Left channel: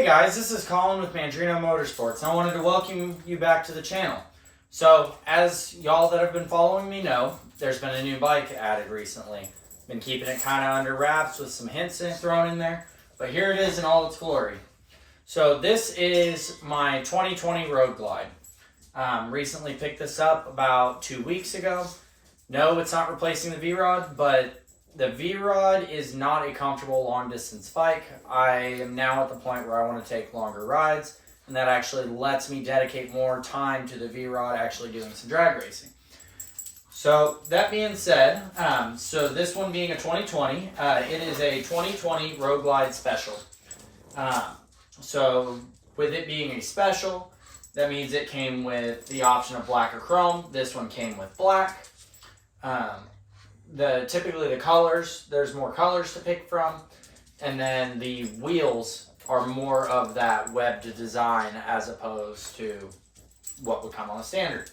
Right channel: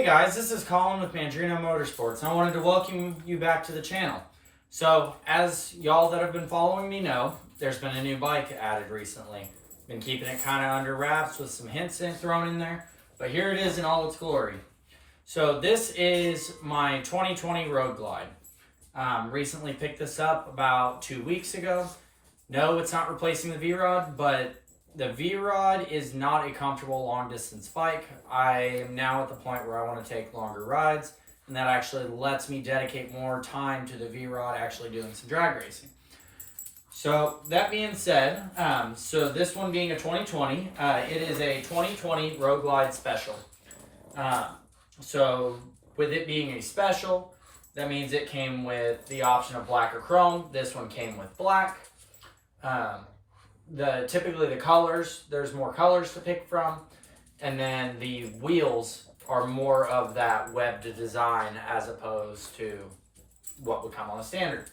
Hey guys, this is Colin with Mandrino Motorsports. I wanted to welcome you back to the channel. So, as y'all that have been following me know, there's been a new bike added recently. Been keeping it kind of under wraps with some hints thrown in there, but here it is in all its glory. So this is my 2020 Road Glide. Recently picked this up about 2 weeks ago. No, it's not replacing the V-Rod, but the V-Rod is not a comfortable long-distance bike. I am now at the point where I want to take longer rides, and that actually lets me dedicate more time to the V-Rod actually doing some drag racing. So that being said, so this one being a 2020, it is a 2020 Road Glide Special. So with it being a special, that means it came with the option of black or chrome. This one came with black. Typically the colors, there's more colors to pick from, and then the wheels are more of that webbed design as opposed to what would come on the standard.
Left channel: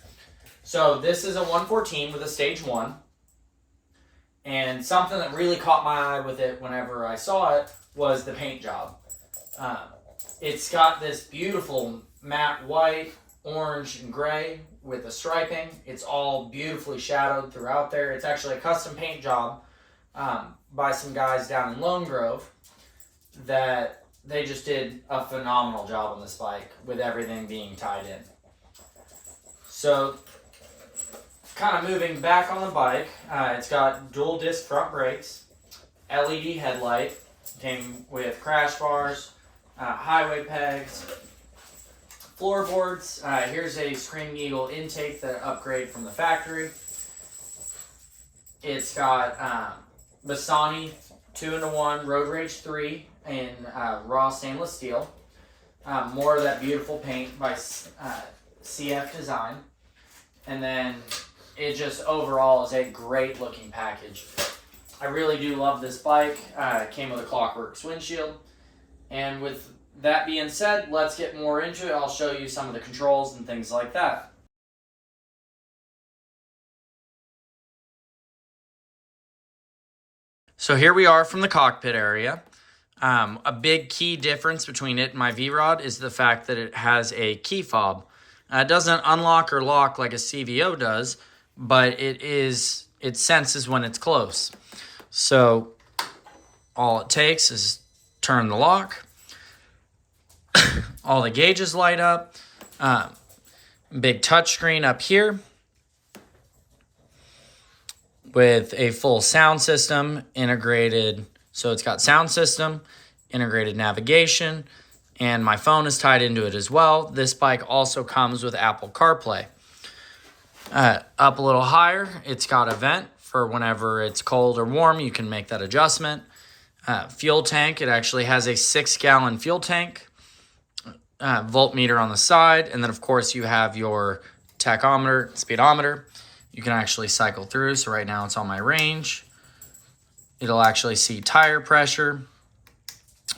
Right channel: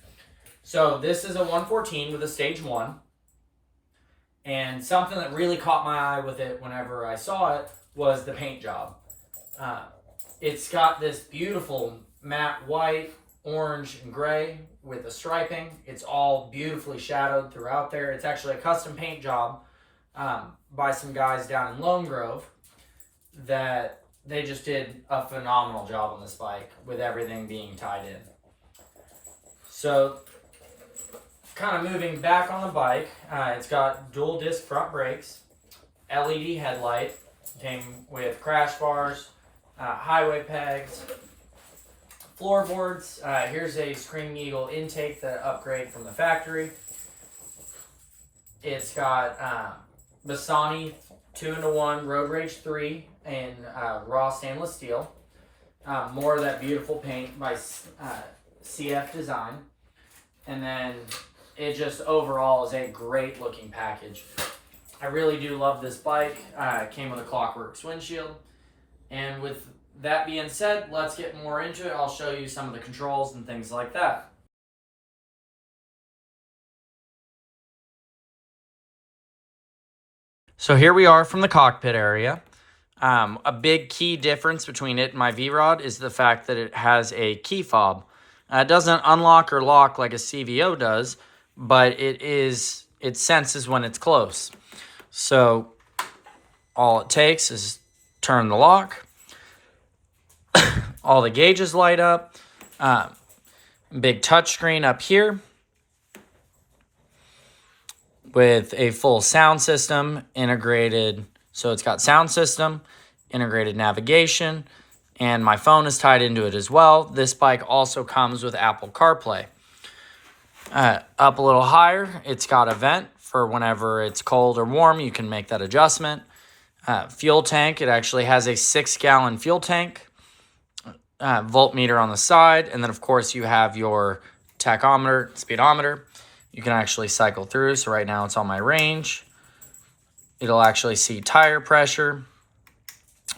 So this is a 114 with a stage 1, and something that really caught my eye with it whenever I saw it was the paint job. It's got this beautiful matte white, orange, and gray with the striping. It's all beautifully shadowed throughout there. It's actually a custom paint job by some guys down in Lone Grove that they just did a phenomenal job on this bike with everything being tied in. So kind of moving back on the bike, it's got dual disc front brakes, LED headlight, came with crash bars, highway pegs, floorboards. Here's a Screaming Eagle intake that upgrade from the factory. It's got Bassani 2-in-1 Road Rage 3 in raw stainless steel. More of that beautiful paint by CF Design. And then it just overall is a great looking package. I really do love this bike. It came with a Clockworks windshield. And with that being said, let's get more into it. I'll show you some of the controls and things like that. So here we are from the cockpit area. A big key difference between it and my V-Rod is the fact that it has a key fob. It doesn't unlock or lock like a CVO does, but it senses when it's close. So all it takes is turn the lock. All the gauges light up. Big touchscreen up here with a full sound system integrated. So it's got sound system, integrated navigation, and my phone is tied into it as well. This bike also comes with Apple CarPlay. Up a little higher, it's got a vent for whenever it's cold or warm. You can make that adjustment. Fuel tank, it actually has a 6-gallon fuel tank. Voltmeter on the side, and then of course you have your tachometer, speedometer. You can actually cycle through. So right now it's on my range. It'll actually see tire pressure,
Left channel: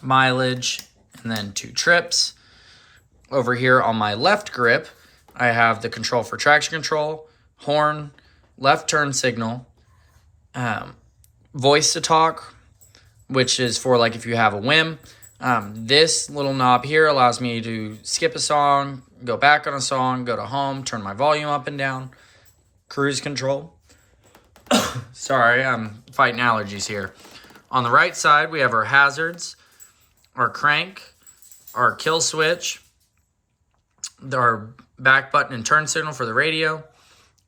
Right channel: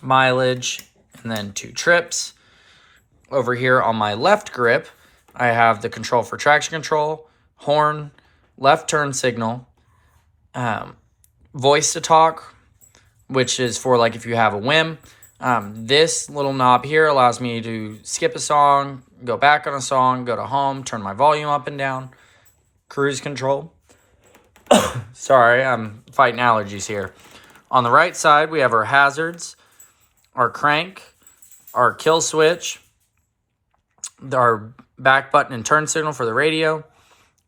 mileage, and then 2 trips. Over here on my left grip, I have the control for traction control, horn, left turn signal, voice to talk, which is for like if you have a whim. This little knob here allows me to skip a song, go back on a song, go to home, turn my volume up and down, cruise control. Sorry, I'm fighting allergies here. On the right side, we have our hazards, our crank, our kill switch, our back button and turn signal for the radio,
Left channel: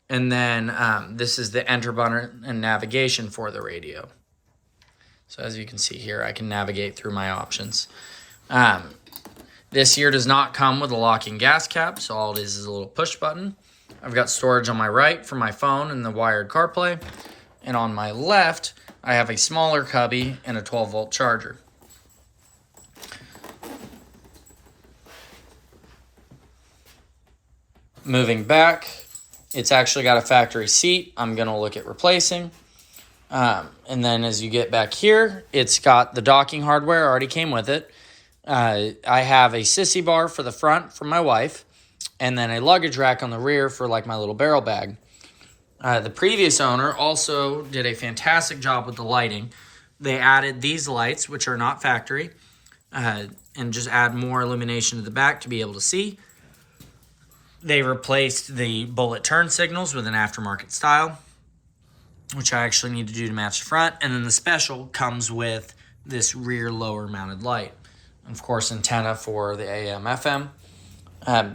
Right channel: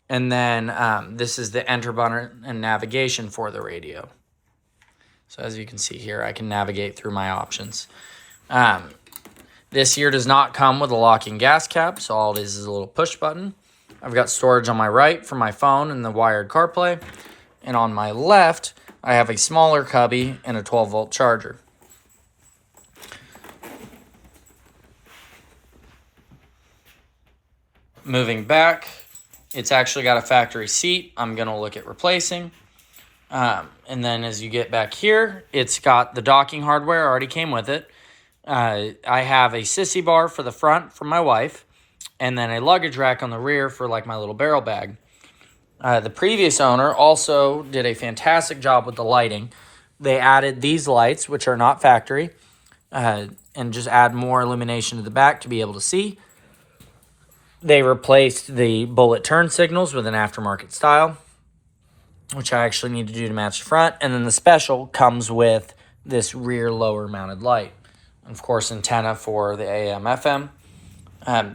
and then this is the enter button and navigation for the radio. So as you can see here, I can navigate through my options. This here does not come with a locking gas cap, so all it is a little push button. I've got storage on my right for my phone and the wired CarPlay. And on my left, I have a smaller cubby and a 12-volt charger. Moving back, it's actually got a factory seat I'm going to look at replacing. And then as you get back here, it's got the docking hardware, already came with it. I have a sissy bar for the front for my wife, and then a luggage rack on the rear for like my little barrel bag. The previous owner also did a fantastic job with the lighting. They added these lights, which are not factory, and just add more illumination to the back to be able to see. They replaced the bullet turn signals with an aftermarket style, which I actually need to do to match the front. And then the special comes with this rear lower mounted light. Of course, antenna for the AM, FM.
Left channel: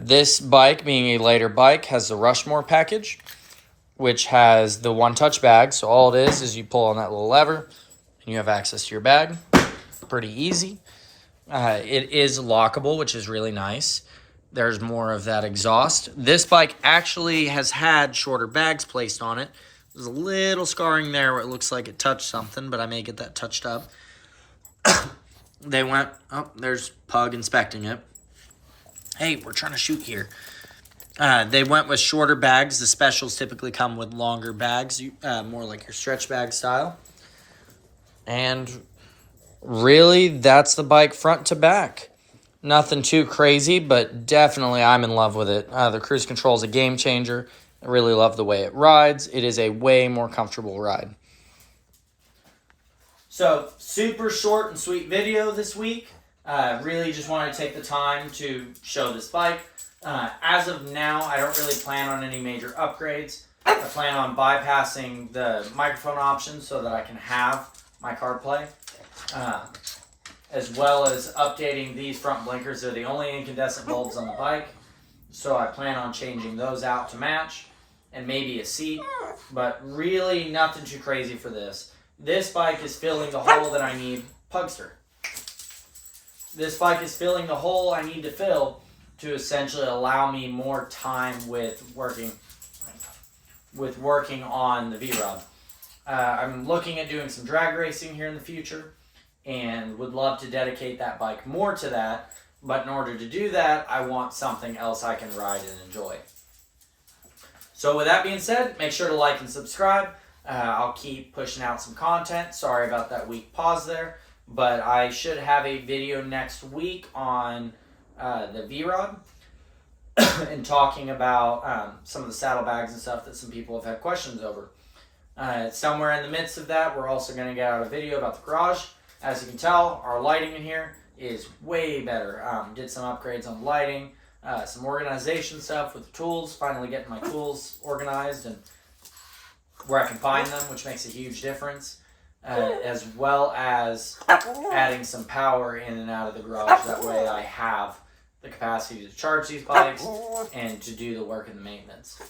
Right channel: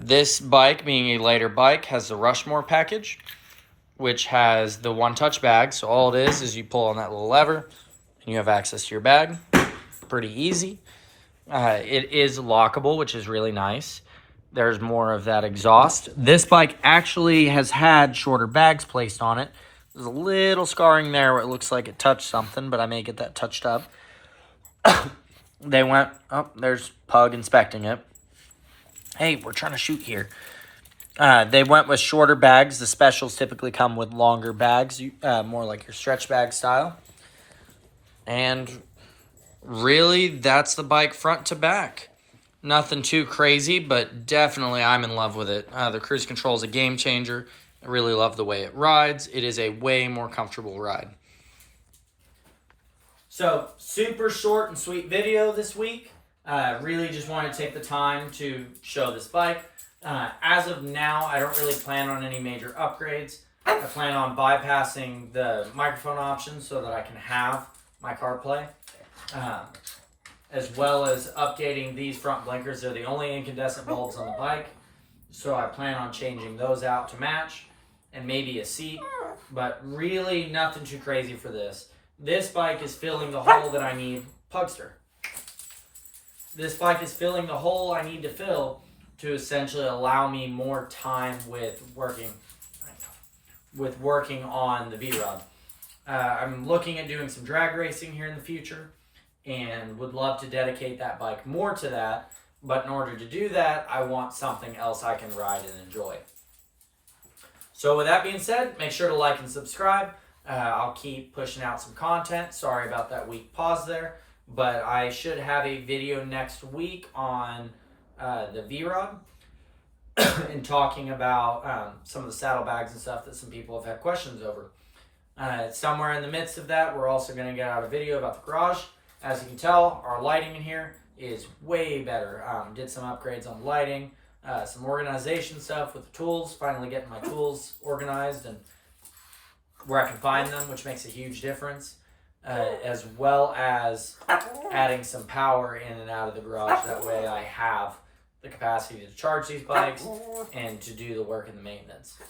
This bike, being a later bike, has the Rushmore package, which has the one-touch bag. So all it is you pull on that little lever, and you have access to your bag. Pretty easy. It is lockable, which is really nice. There's more of that exhaust. This bike actually has had shorter bags placed on it. There's a little scarring there where it looks like it touched something, but I may get that touched up. They went, oh, there's Pug inspecting it. Hey, we're trying to shoot here. They went with shorter bags. The specials typically come with longer bags, more like your stretch bag style. And really, that's the bike front to back. Nothing too crazy, but definitely I'm in love with it. The cruise control is a game changer. I really love the way it rides. It is a way more comfortable ride. So, super short and sweet video this week. Really just wanted to take the time to show this bike. As of now, I don't really plan on any major upgrades. I plan on bypassing the microphone option so that I can have my CarPlay. As well as updating these front blinkers. They're the only incandescent bulbs on the bike. So I plan on changing those out to match. And maybe a seat. But really nothing too crazy for this. This bike is filling the hole that I need. Pugster. This bike is filling the hole I need to fill to essentially allow me more time with working on the V-Rod. I'm looking at doing some drag racing here in the future and would love to dedicate that bike more to that. But in order to do that, I want something else I can ride and enjoy. So with that being said, make sure to like and subscribe. I'll keep pushing out some content. Sorry about that week pause there. But I should have a video next week on the V-Rod and talking about some of the saddlebags and stuff that some people have had questions over. Somewhere in the midst of that, we're also going to get out a video about the garage. As you can tell, our lighting in here is way better. Did some upgrades on the lighting, some organization stuff with the tools, finally getting my tools organized and where I can find them, which makes a huge difference. As well as adding some power in and out of the garage. That way I have the capacity to charge these bikes and to do the work and the maintenance.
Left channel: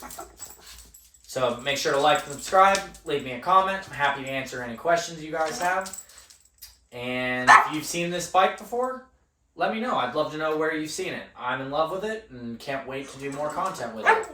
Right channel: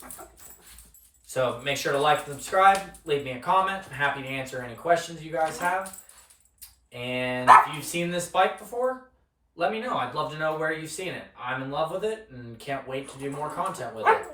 So make sure to like and subscribe. Leave me a comment. I'm happy to answer any questions you guys have. And if you've seen this bike before, let me know. I'd love to know where you've seen it. I'm in love with it and can't wait to do more content with it.